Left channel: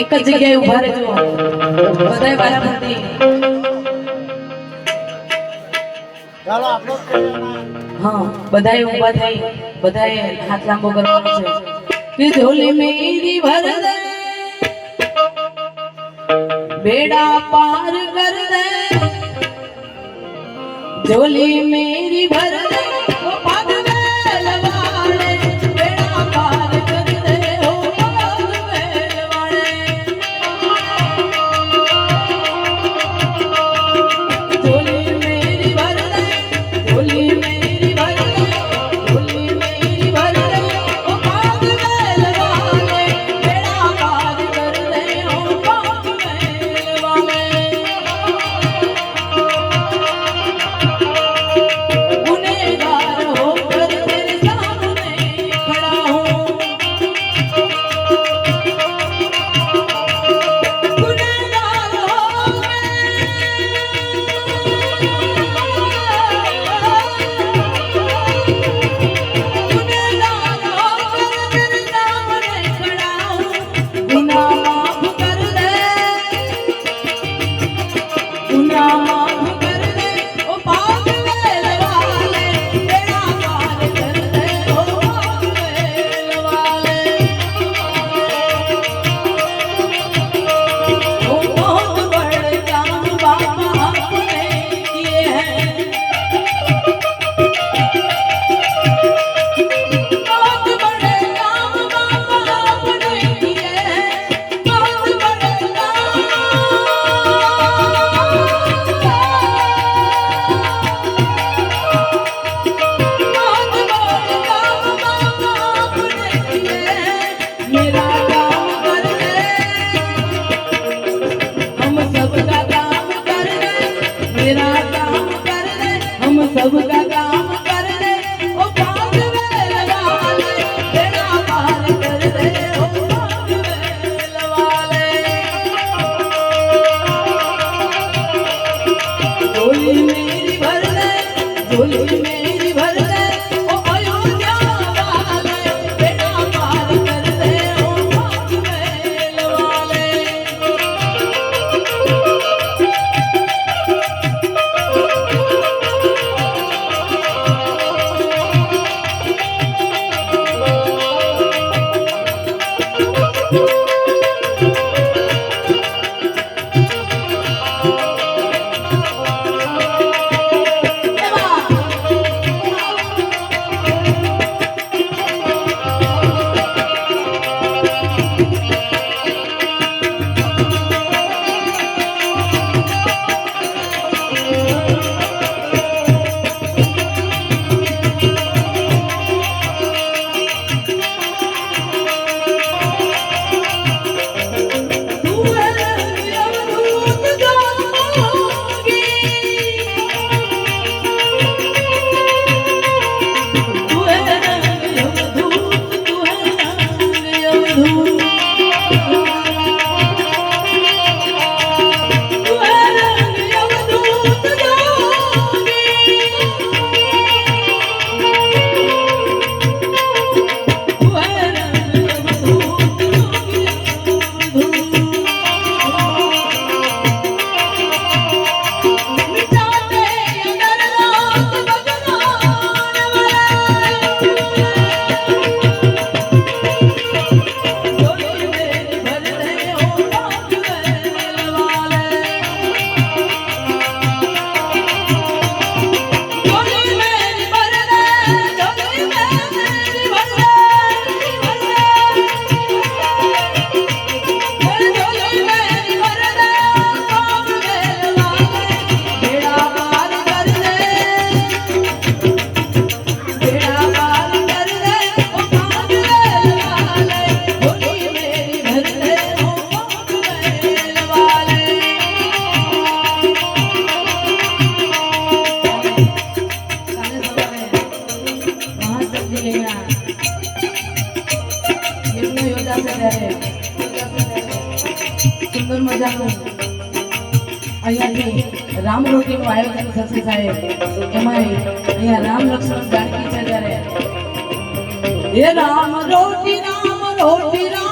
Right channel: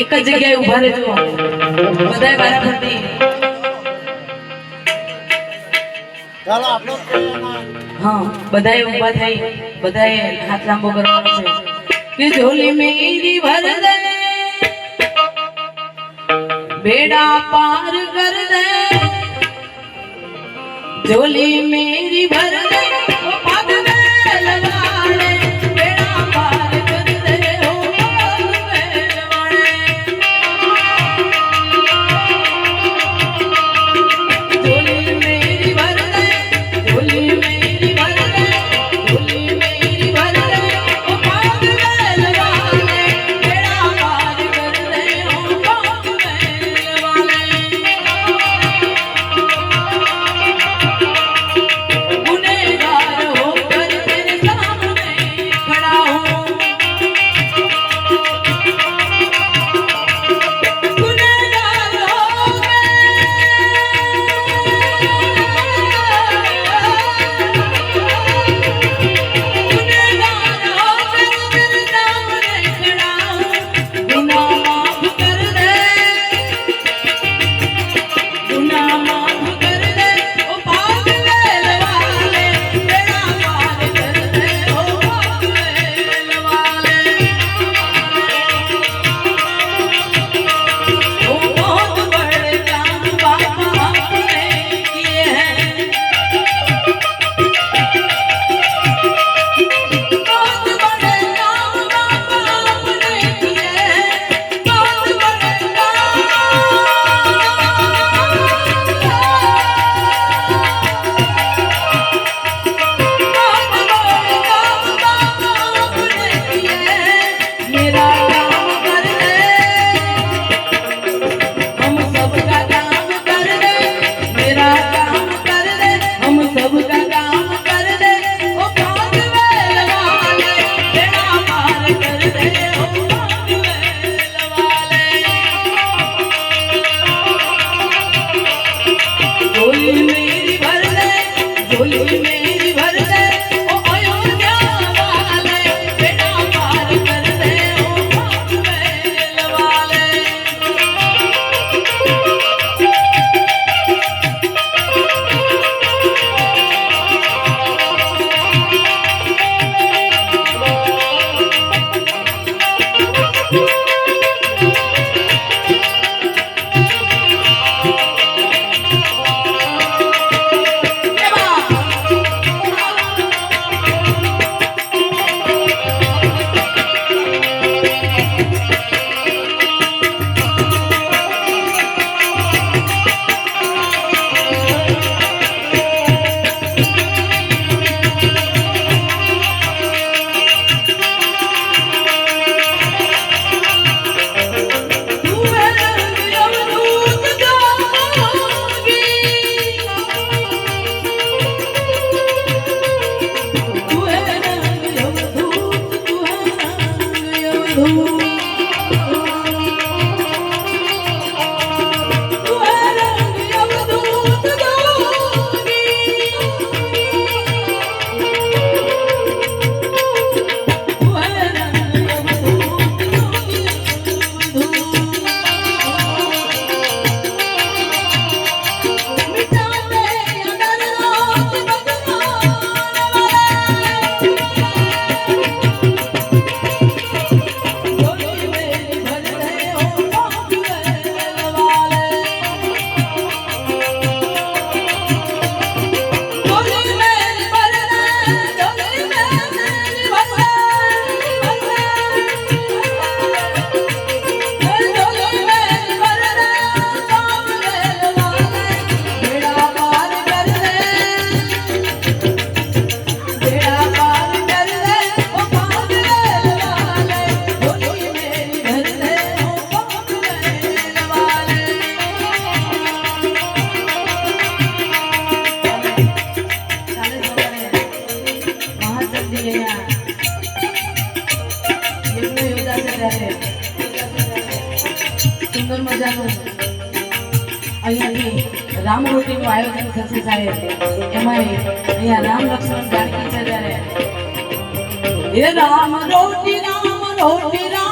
એક જ જગ્યાએ ઊભા રહેજો બધાય વારાફરતી હા બધાય ઊભા થઈ બધાય હાથ લાંબો કરવાનો છે કે ઝોલી મેરી ભર દે બેડા પાર કર દે झोली मेरी भर दे ओ भाग में लगाड़े बेड़ा पार कर दे ओ भाग में लगाड़े झोली मेरी भर दे झोली मेरी भर दे झोली मेरी भर दे ओ भाग में लगाड़े बेड़ा पार कर दे ओ भाग में लगाड़े સુંદર મજાનું અહીંયાથી રામ રોટીનું આયોજન થશે સાહેબ. એમાં અહીંયા રામ લક્ષ્મણ જાનકી છે ત્યારે રામ રોટી રામ રોટી રામ